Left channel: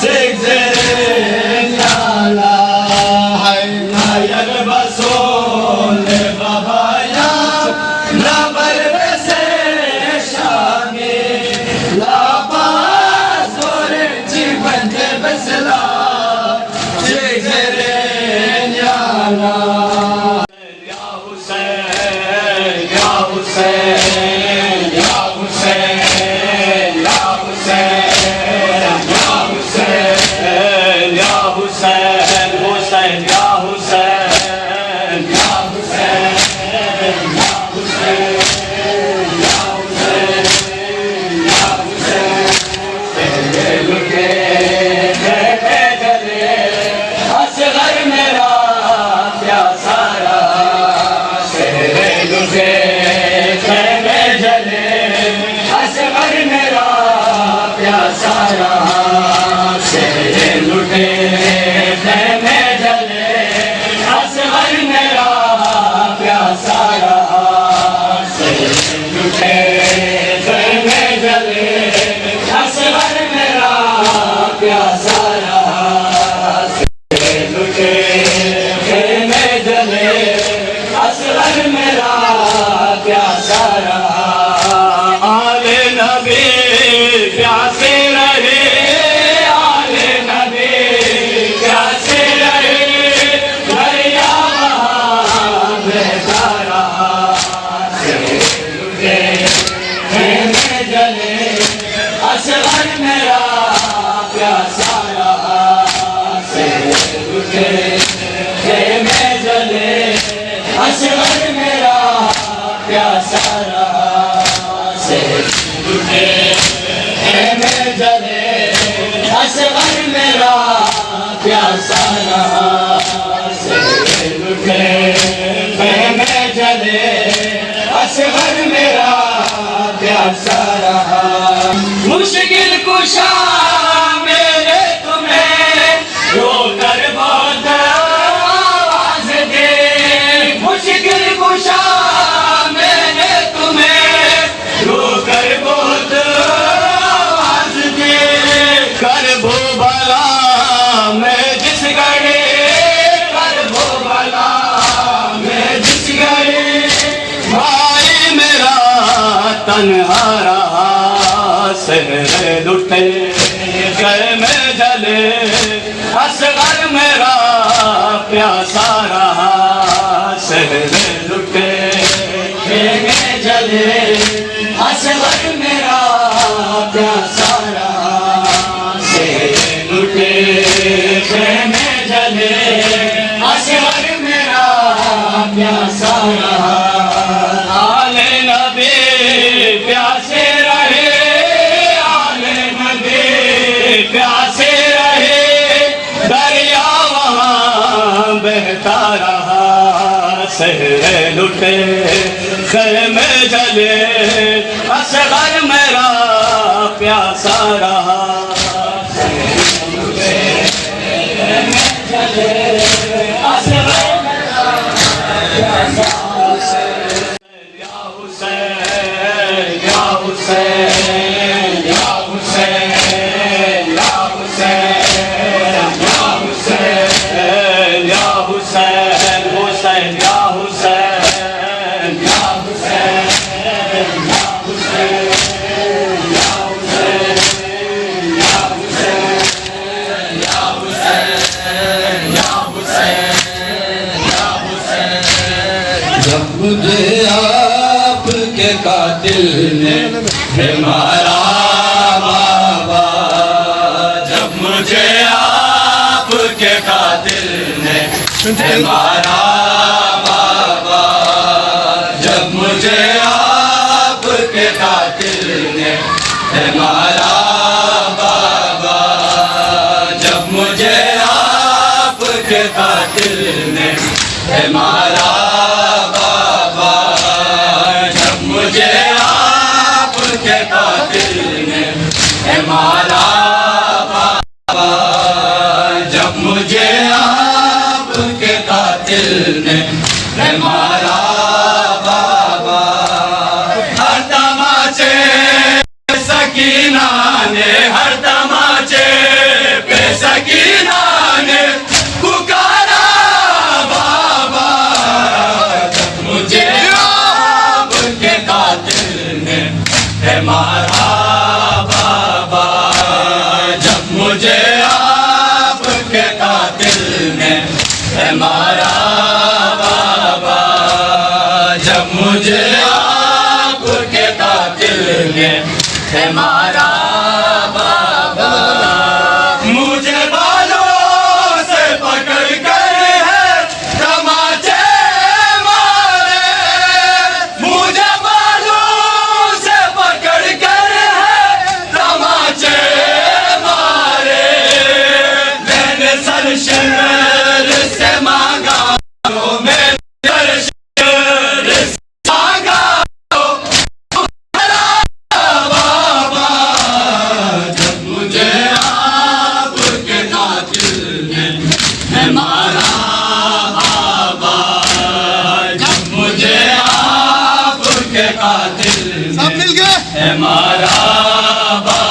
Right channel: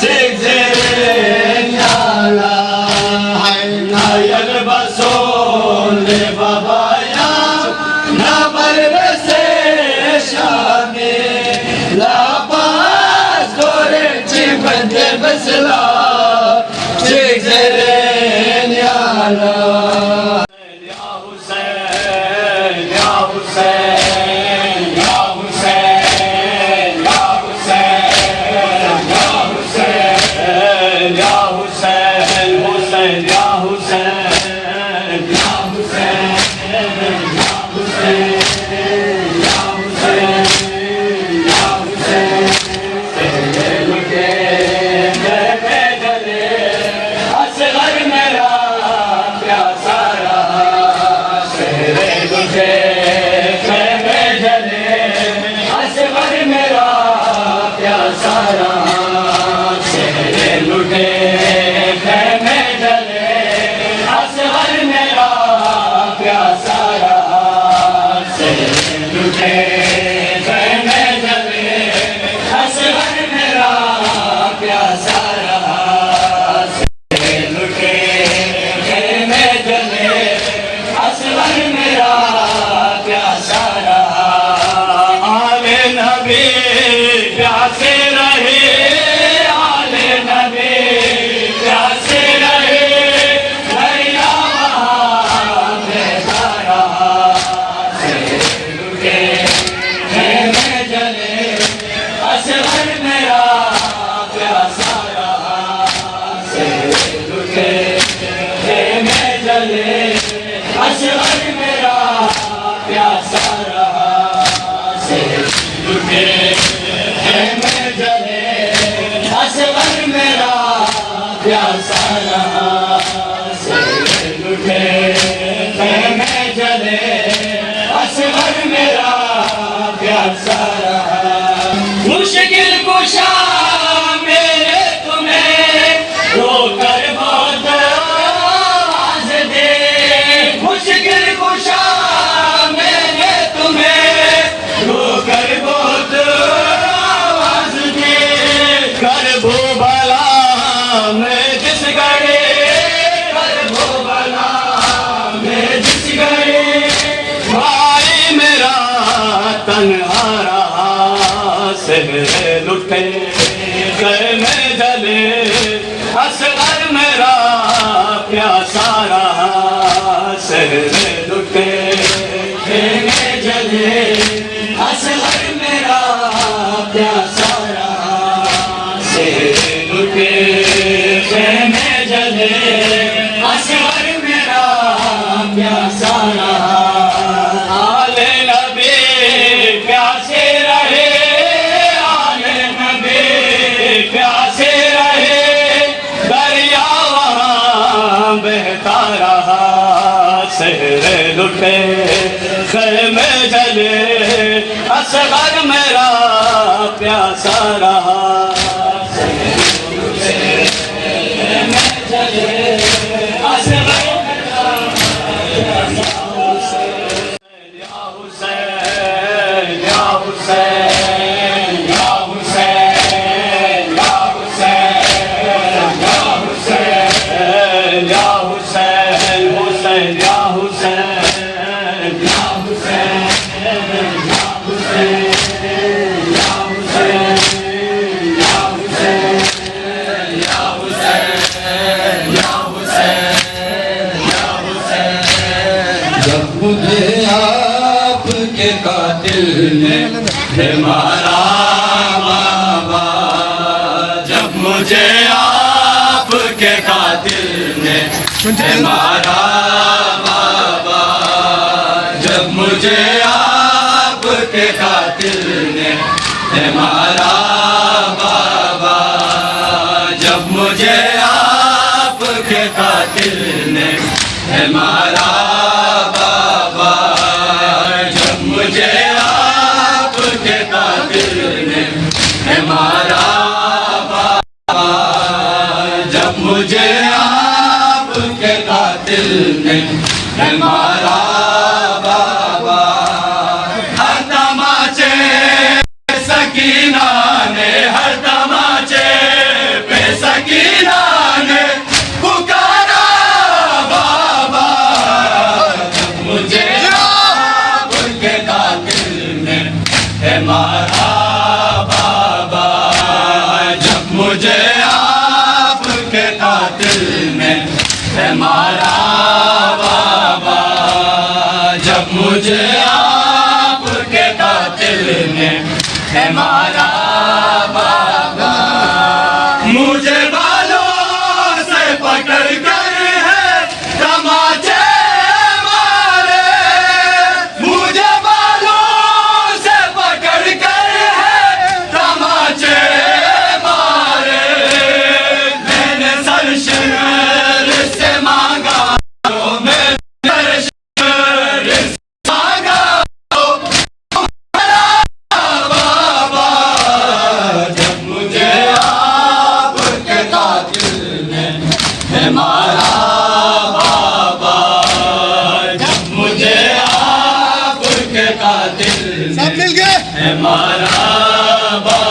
Zig zig, ya la, hay na ya. शहर लुटे खेमे जले असगर मेरा प्यासा रहा शहर लुटे खेमे जले असगर मेरा प्यासा रहा आले नबी प्यासे रहे आले नबी प्यासे रहे दरिया वहाँ बहता रहा शहर लुटे ख़ैमे जले असगर मेरा प्यासा रहा मुझे आपके कातिल ने मारा बाबा जब मुझे आपके कातिल ने मारा बाबा जब मुझे आपके कातिल ने मारा बाबा जब मुझे आपके कातिल ने मारा मुझे आपके कातिल ने मारा बाबा जब मुझे आपके कातिल ने मारा बाबा हर तमाचे सकीना ने हर तमाचे पे सकीना ने पुकारा बाबा जब मुझे मारा बाबा जब मुझे आपके कातिल ने मारा बाबा जब मुझे आपके कातिल ने मारा बाबा मुझे बालों से पकड़ कर है तमाचे मारा बाबा जब मुझे आपके कातिल सब मिल गए मारा बाबा